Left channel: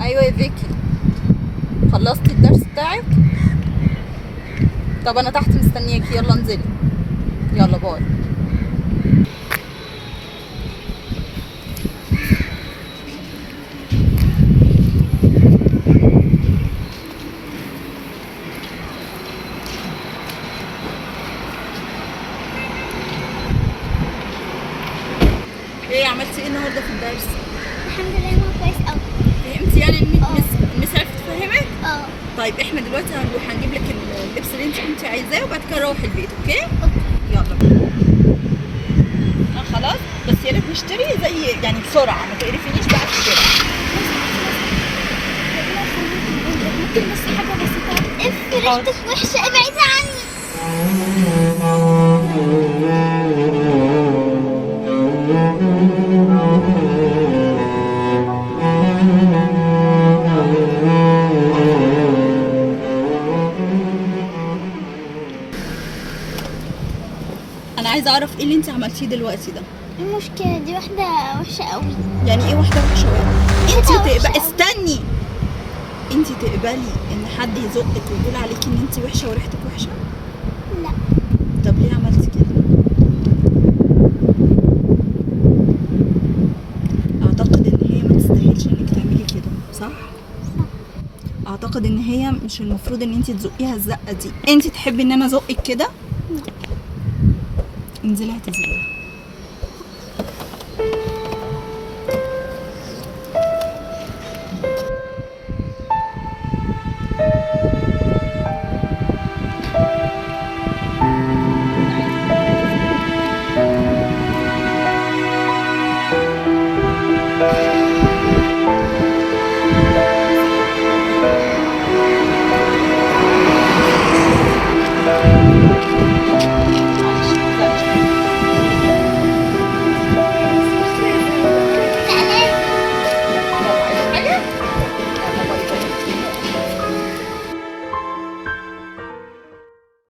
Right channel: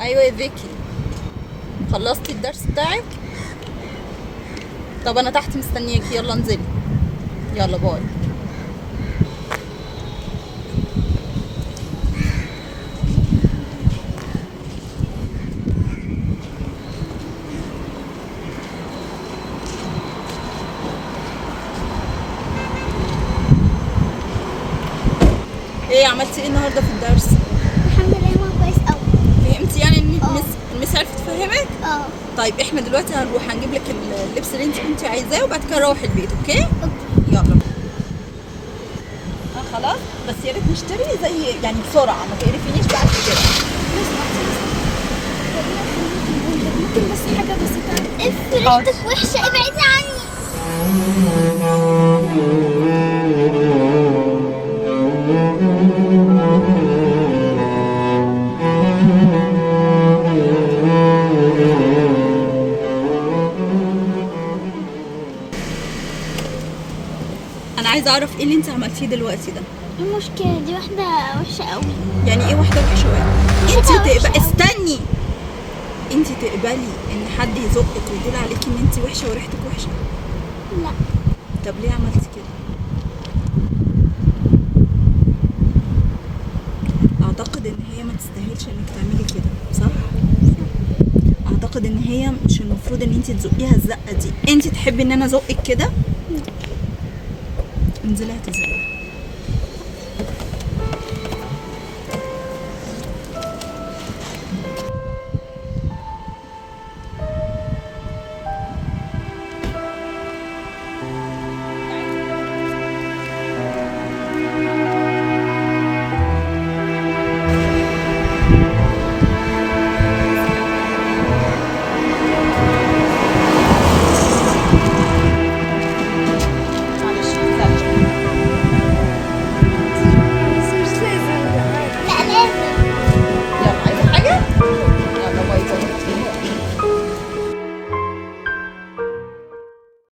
ايوه يا فيكي، خلصتي الدرس بتاعك؟ طب انا تحت مستنياكي، يلا انزلي. يلا باي. ايه عملتي ايه النهارده في الدرس؟ الحمد لله ما كويس قوي. فهمتي يعني ان المس عرفت تفهمك؟ اه. طيب احنا دلوقتي هنروح هنجيب لك اللبس اللي انت كنتي عايزاه، وبعد كده نروح البيت. اوكي؟ يلا. خلاص، بس يا ريت نشتري زي يعني بسرعه، ما تقرفينيش بعد كده. ممكن بس حاجة بسيطة. اف ريحتك وحشة، ابعدي عني. انا عايزه اعرف ايه اللي انت عملتيه دلوقتي ده. المشكلة دي واحدة وحشة قوي. يعني ايه واحده وحشه واحده؟ انت واحدة وحشة تقبلي، أوي. استني، انت تقبلي ان حد يزقك ويقول عليكي ان انت وحشه وريحتك وحشه؟ لا. طب ليه عملتي كده؟ اعتقد ان هي ما تستاهلش انك تعملي كده، صح؟ اعتقد ان هي مش المفروض ان انت تزقيها الزقه دي. انت تحبي ان انا ازقك كده؟ انزلي اعتذري.